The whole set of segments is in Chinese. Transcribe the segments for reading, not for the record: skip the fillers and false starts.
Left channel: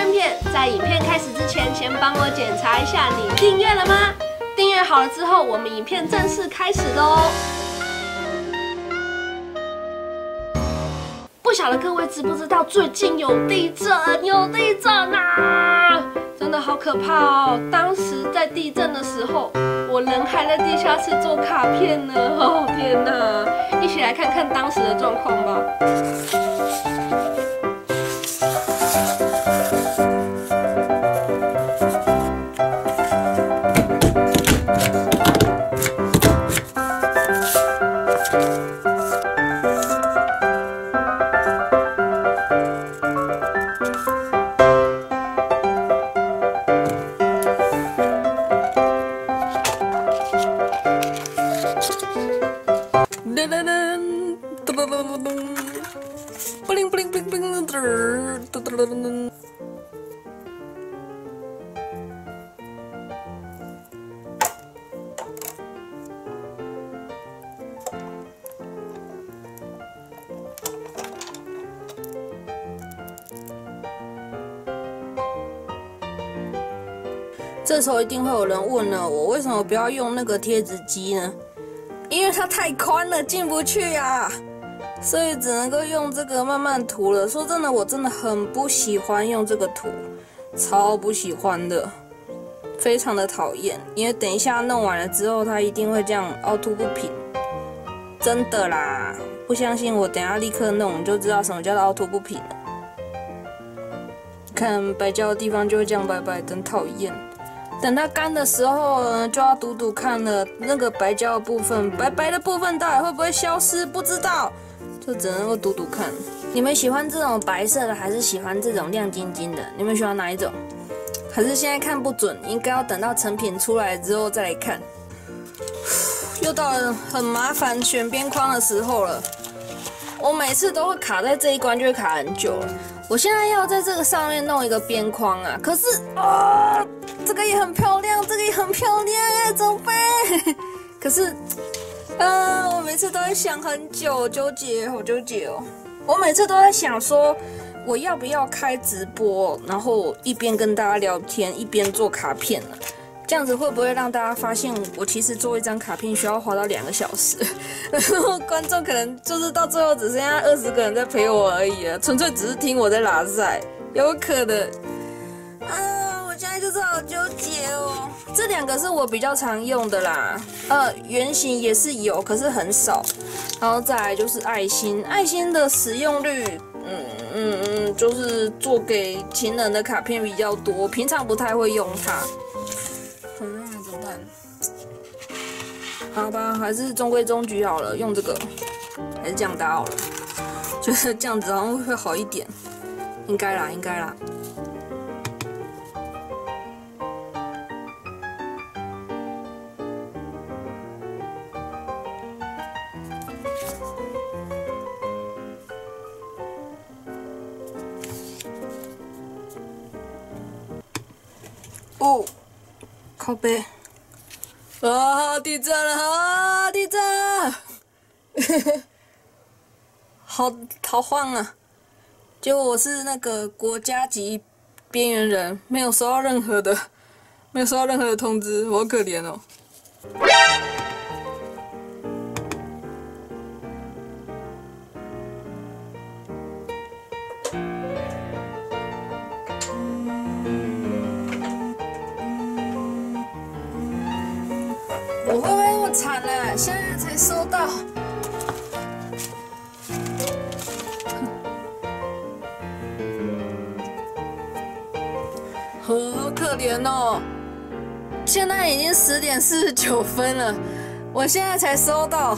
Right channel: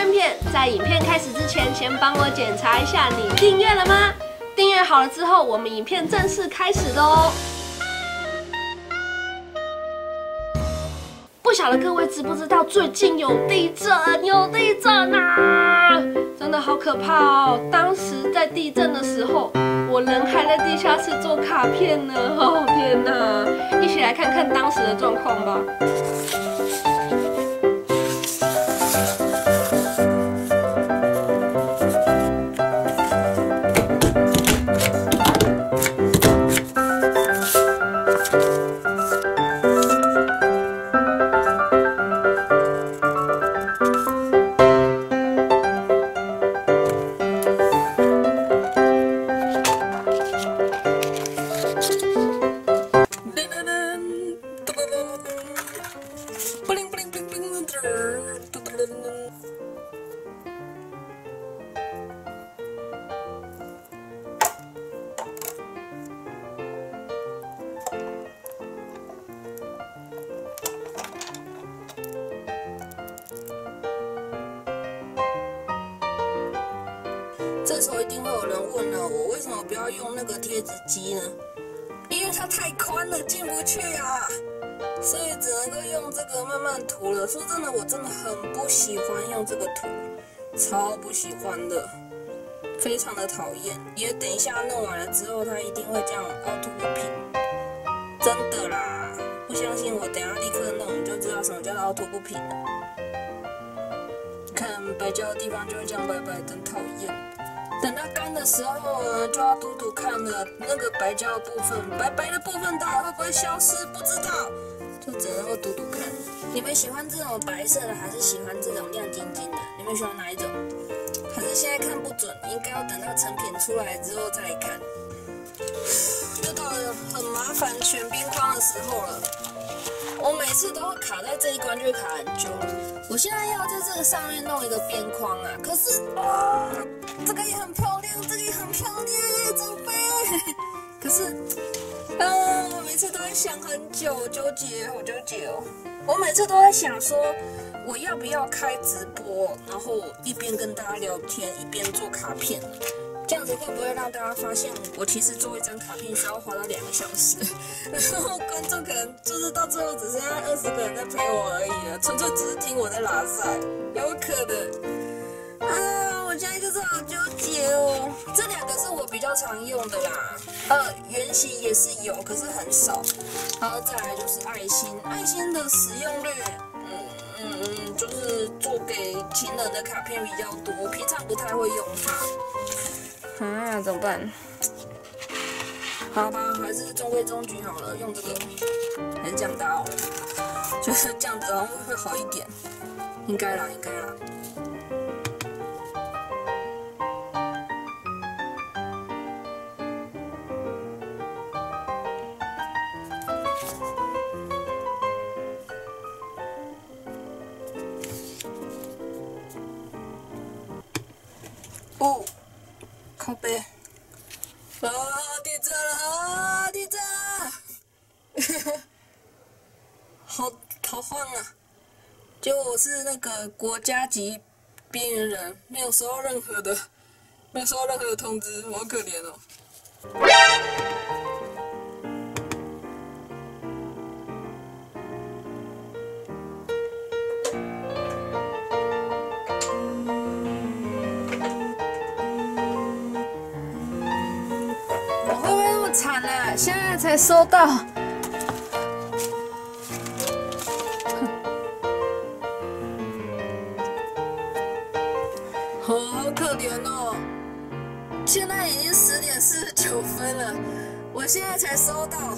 圈片，在影片开始之前，先帮我检查一下你订阅了吗？订阅好了之后，我们影片正式开始喽！不晓得各位知不知道，最近有地震啊！真的好可怕哦！当时在地震的时候，我人还在地下室做卡片呢。哦天哪！一起来看看当时的状况吧。这时候一定会有人问了，我为什么不要用那个贴纸机呢？因为它太宽了，进不去啊，所以只能够用这个慢慢涂了。说真的，我真的很不喜欢用这个涂，超不喜欢的，非常的讨厌。因为等一下弄完了之后，它一定会这样凹凸不平，真的啦！不相信我，等一下立刻弄，你就知道什么叫做凹凸不平了。看白胶的地方就会这样白白，真讨厌。等它干的时候呢，就要赌赌看了，那个白胶的部分，白白的部分到底会不会消失？不知道，就只能够赌赌看。你们喜欢这种白色的，还是喜欢这种亮晶晶的？你们喜欢哪一种？还是现在看不准，应该要等到成品出来之后再来看。又到了很麻烦选边框的时候了。我每次都会卡在这一关，就会卡很久了。我现在要在这个上面弄一个边框啊，可是这个也很漂亮，这个也很漂亮，怎么办？可是我每次都在想很久，纠结，好纠结哦。我每次都在想说，我要不要开直播，然后一边跟大家聊天，一边做卡片呢？这样子会不会让大家发现我其实做一张卡片需要花到2个小时，然后观众可能就是到最后只剩下20个人在陪我而已啊，纯粹只是听我在拉塞，有可能啊！我现在就是好纠结哦。这2个是我比较常用的啦，圆形也是有，可是很少。然后再来就是爱心，爱心的使用率，就是做给情人的卡片比较多，平常不太会用它。怎么办？好吧，还是中规中矩好了，用这个，还是这样搭好了。觉得这样子好像会好一点，应该啦，应该啦。哦。靠背啊！地震了啊！地震了！好晃啊！结果我是那个国家级边缘人，没有收到任何的通知，我好可怜哦。我会不会那么惨啊？现在才收到，我好可怜哦！现在已经10点49分了，我现在才收到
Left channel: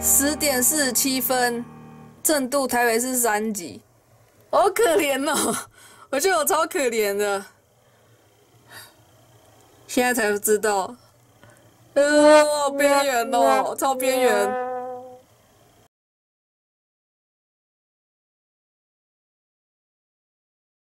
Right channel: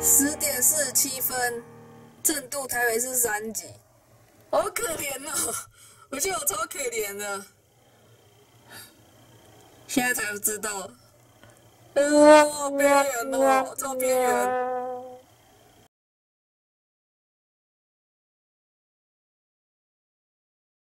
10点47分，震度台北市3级，好可怜哦！我觉得我超可怜的，现在才知道。好边缘哦，超边缘。